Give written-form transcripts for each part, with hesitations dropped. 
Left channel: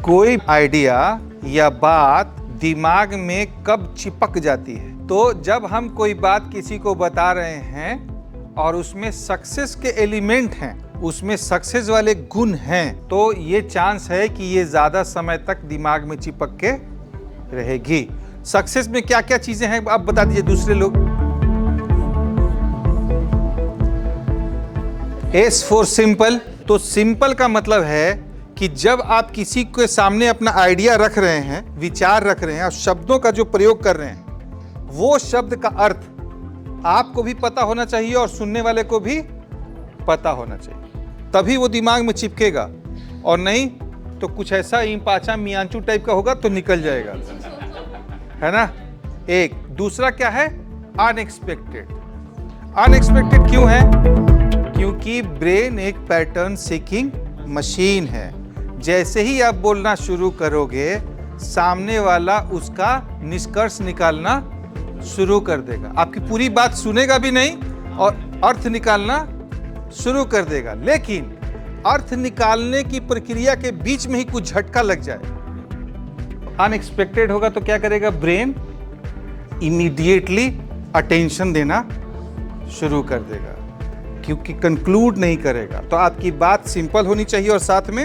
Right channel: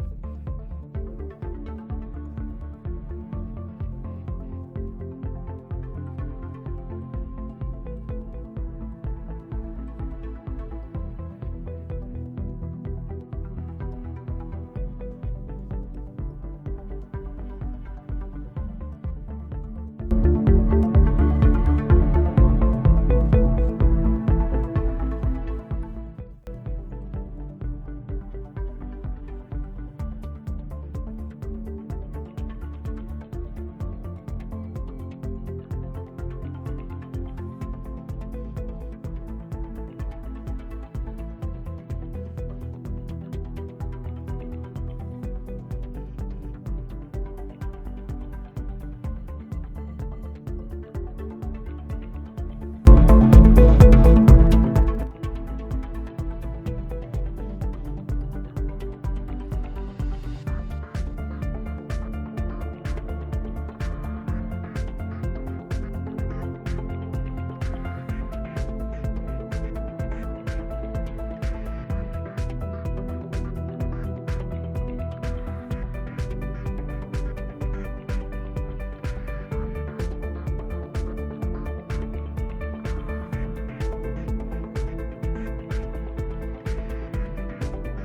कोई आइडिया या बात दिमाग में कब चिपक जाती है? तो जब हम कोई बात किसी को बता रहे हैं और उसमें सक्सेस के एलिमेंट हैं, उसमें सक्सेस वाले गुण हैं, तो ये चांस है कि ये ज्यादा समय तक दिमाग में चिपक के रहेगी। सक्सेस में क्या क्या चीजें हैं आप बता दीजिए दूसरे लोग। S for simple. तो सिंपल का मतलब है कि जब आप किसी के सामने अपना आइडिया रख रहे हैं, विचार रख रहे हैं और शब्दों का जो प्रयोग कर रहे हैं, वो शब्द का अर्थ आपको भी पता होना चाहिए और सुनने वाले को भी पता होना चाहिए, तभी वो दिमाग में चिपकेगा। और नहीं तो कुछ ऐसा इम्पाचा मियांचू टाइप का होगा तो निकल जाएगा, है ना। एक दूसरा क्या है? अनएक्सपेक्टेड। अनएक्सपेक्टेड क्यों है? क्योंकि ब्रेन एक पैटर्न सीकिंग मशीन है। जैसे ही आप बोलना शुरू करोगे, सामने वाला उसका निष्कर्ष निकालना शुरू कर देगा। आपकी पूरी बात सुनेगा भी नहीं और अर्थ निकालना शुरू कर देगा। लेकिन अर्थ निकालने की प्रक्रिया के बीच में ही कुछ झटका लग जाए, अनएक्सपेक्टेड होगा, तो क्या करेगा ब्रेन? इमीडिएटली अटेंशन देना शुरू कर देगा, क्योंकि कंक्लूड नहीं करेगा। तो आपकी बात सिंपल होनी चाहिए और साथ में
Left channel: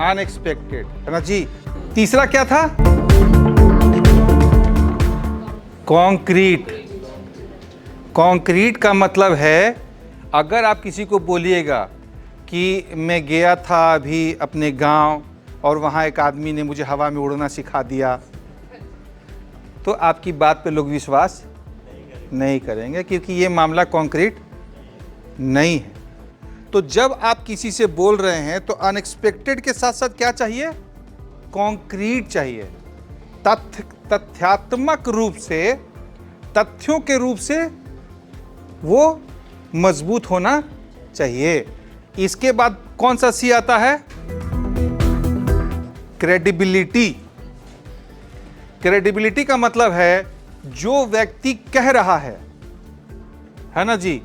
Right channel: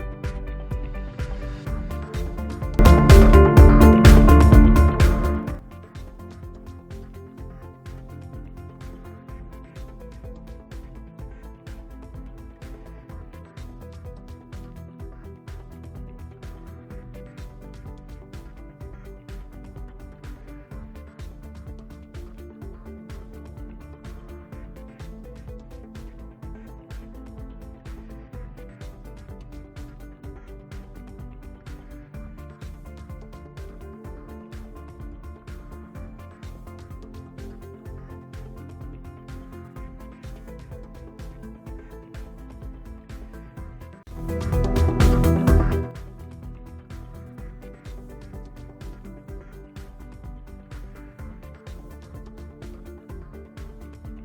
अनएक्सपेक्टेड, है ना जी। तीसरा क्या था? कॉन्क्रीट। कॉन्क्रीट का मतलब है, अगर आप किसी को बोलिएगा कि मैं गया था अभी अपने गांव और वहां एक आदमी ने मुझे हवा में उड़ना सिखा दिया, तो आपकी बात पे लोग विश्वास नहीं करेंगे, क्योंकि ये मामला कॉन्क्रीट नहीं है। तो जब आप किसी से बोल रहे हैं तो अनएक्सपेक्टेड के साथ साथ क्या चाहिए? कॉन्क्रीट चाहिए। तथ्यात्मक रूप से, तथ्यों के रूप से वो मजबूत होना चाहिए। इसके बाद कौन सा सी आता है? क्रेडिबिलिटी। क्रेडिबिलिटी का मतलब है जो व्यक्ति कह रहा है ना जी,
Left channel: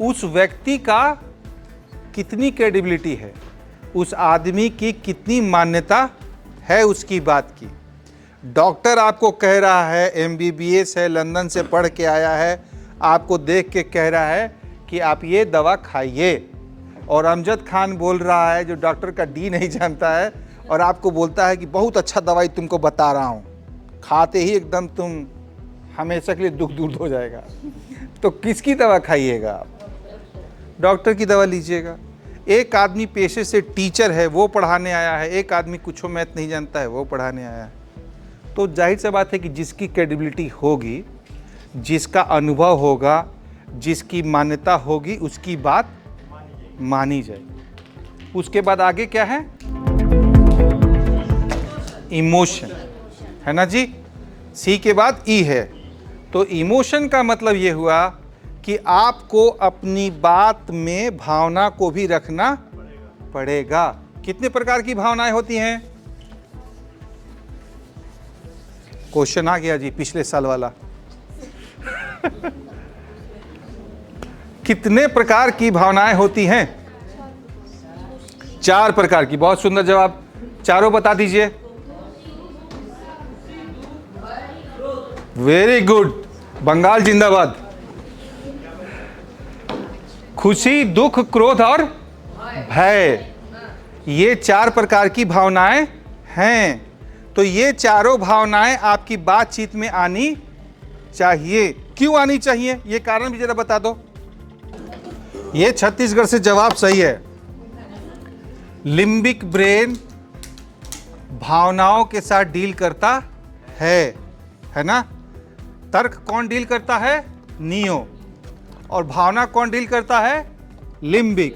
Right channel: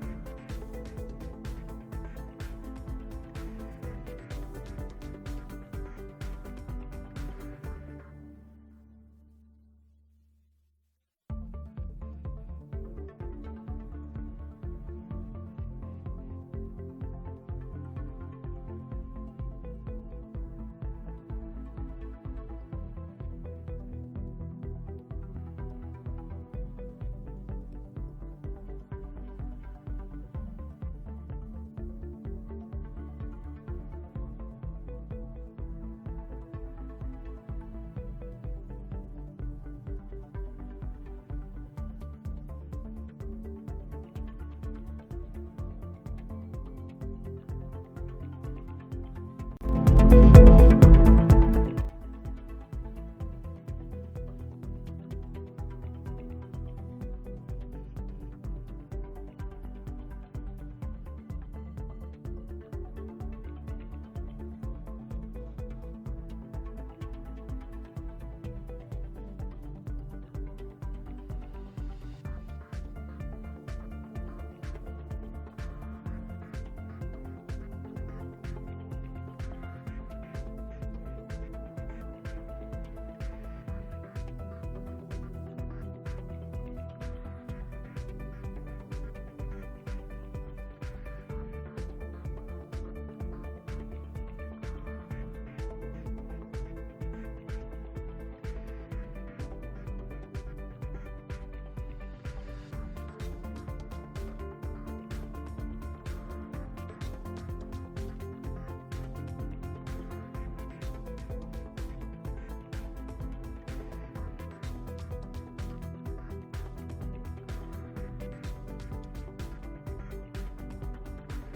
उस व्यक्ति का कितनी क्रेडिबिलिटी है, उस आदमी की कितनी मान्यता है उसकी बात की। डॉक्टर आपको कह रहा है, एमबीबीएस है, लंदन से पढ़ के आया है, आपको देख के कह रहा है कि आप ये दवा खाइए, और अमजद खान बोल रहा है जो डॉक्टर का डी नहीं जानता है और आपको बोलता है कि बहुत अच्छा दवाई तुमको बता रहा हूँ, खाते ही एकदम तुम हमेशा के लिए दुख दूर हो जाएगा। तो किसकी दवा खाइएगा आप? डॉक्टर की दवा लीजिएगा। एक आदमी पेशे से टीचर है, वो पढ़ाने आया है, एक आदमी कुछ मैथ नहीं जानता है, वो पढ़ाने आया है। तो जाहिर सी बात है कि जिसकी क्रेडिबिलिटी होगी, जिसका अनुभव होगा, जिसकी मान्यता होगी, उसकी बात मानी जाए। उसके बाद आगे क्या है? इमोशन, है ना जी। सी के बाद ई है। तो इमोशन का मतलब ये हुआ कि आपको अपनी बात में भावना को भी रखना पड़ेगा। कितने प्रकार की भावनाएं होती हैं? क्वेश्चन आ गया जी पिछले साल वाला। कितने प्रकार की भावनाएं होती हैं? 4 प्रकार की। बहुत सुंदर जवाब, चारों बता दीजिए। वेरी गुड, बंगाल जिंदाबाद। खुशी, दुख, क्रोध और भय, ये 4 प्रकार की भावनाएं हैं। तो ये चारों भावनाएं आपकी बातचीत में आनी चाहिए। क्यों आनी चाहिए, ये कारण भी जरा बता दो। ये छत्तीसगढ़ से जवाब सही है। लिम्बिक ब्रेन भावनाओं के साथ डील करता है ना। तर्क कौन डील करता है? नियो। और भावना कौन डील करता है? लिम्बिक।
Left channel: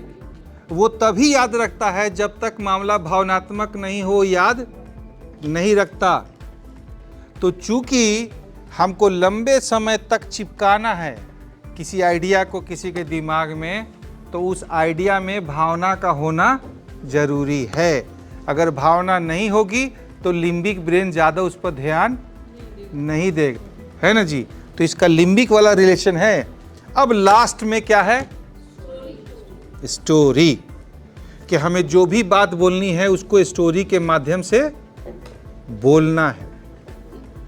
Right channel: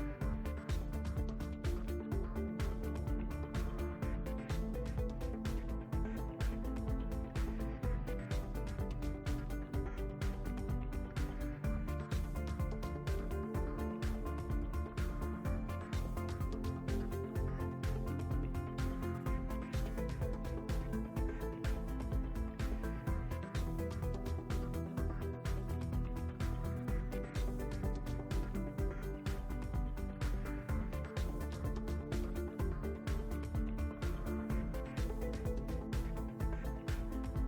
वो तभी याद रखता है जब तक मामला भावनात्मक नहीं हो, याद नहीं रखता। तो चूंकि हमको लंबे समय तक चिपकाना है किसी आइडिया को किसी के दिमाग में, तो उस आइडिया में भावना का होना जरूरी है। अगर भावना नहीं होगी तो लिम्बिक ब्रेन ज्यादा उस पर ध्यान नहीं देगा, है ना जी। तो इसका लिम्बिक वाला रिलेशन है। अब लास्ट में क्या है? स्टोरी। कि हमें जो भी बात बोलनी है उसको स्टोरी के माध्यम से बोलना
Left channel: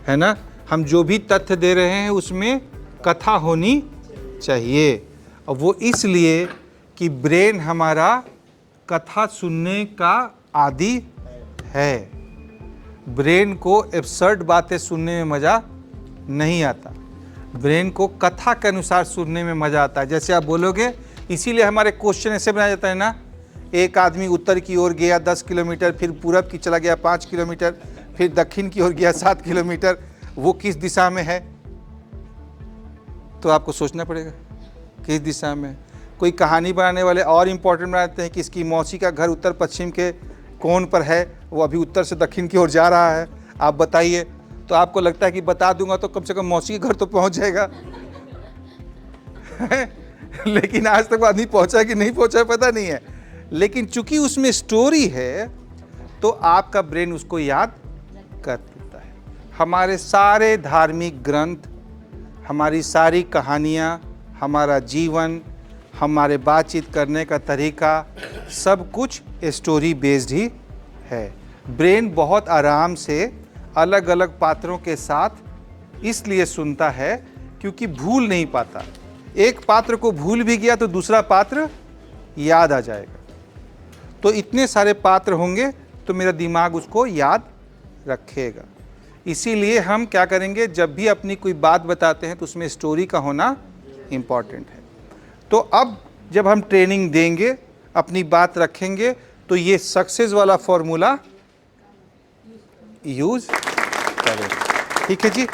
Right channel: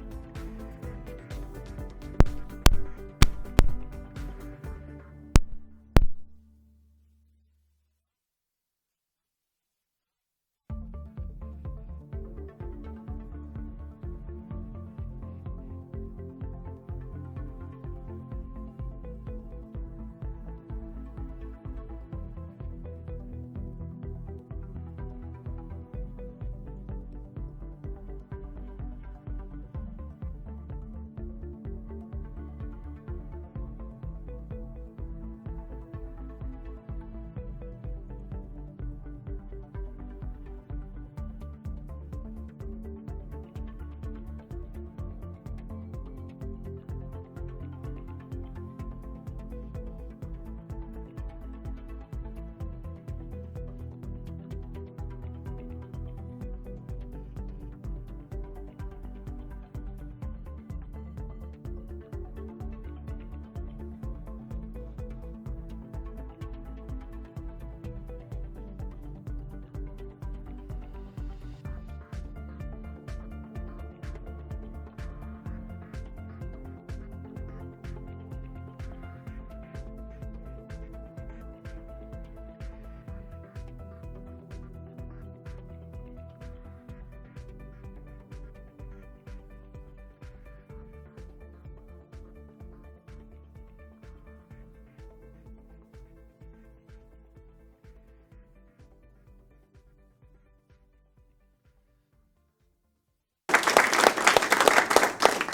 है ना। हम जो भी तथ्य दे रहे हैं उसमें कथा होनी चाहिए, और वो इसलिए कि ब्रेन हमारा कथा सुनने का आदी है। ब्रेन को एब्सर्ड बातें सुनने में मज़ा नहीं आता, ब्रेन को कथा के अनुसार सुनने में मज़ा आता है। जैसे आप बोलोगे, इसीलिए हमारे क्वेश्चन ऐसे बनाया जाता है ना, एक आदमी उत्तर की ओर गया 10 किलोमीटर, फिर पूरब की चला गया 5 किलोमीटर, फिर दक्षिण की ओर गया 7 किलोमीटर, वो किस दिशा में है? तो आपको सोचना पड़ेगा किस दिशा में। कोई कहानी बनाने वाले और इम्पोर्टेंट बनाते हैं कि इसकी मौसी का घर उत्तर पश्चिम के कोण पर है, वो अभी उत्तर से दक्षिण की ओर जा रहा है, आप बताइए। तो आपको लगता है कि बता दूंगा तो कम से कम मौसी के घर तो पहुंच जाएगा लेकिन आज तक आदमी पहुंचा कि नहीं पहुंचा पता नहीं है। लेकिन चूंकि उसमें स्टोरी है तो आपका ब्रेन उसको याद कर लेता है। हमारे सारे धार्मिक ग्रंथ, हमारी सारी कहानियाँ, हमारा जीवन, हमारे बातचीत करने का तरीका, सब कुछ स्टोरी बेस्ड ही है। ब्रेन बहुत आराम से अलग अलग पात्रों के साथ इसलिए सुनता है क्योंकि भूल नहीं पाता। एक पात्र को भूल भी गया तो दूसरा पात्र याद आ जाएगा। तो इतने सारे पात्र होंगे तो मेरा दिमाग उसको याद रखेगा। इसीलिए हम क्या करेंगे, जब भी अपनी कोई बात बताते हैं तो उसमें स्टोरी का होना इम्पॉर्टेंट है। तो अब जब हम ट्रेनिंग देंगे, अपनी बात रखेंगे, तो ये सक्सेस वाला फॉर्मूला यूज करें। ठीक है जी।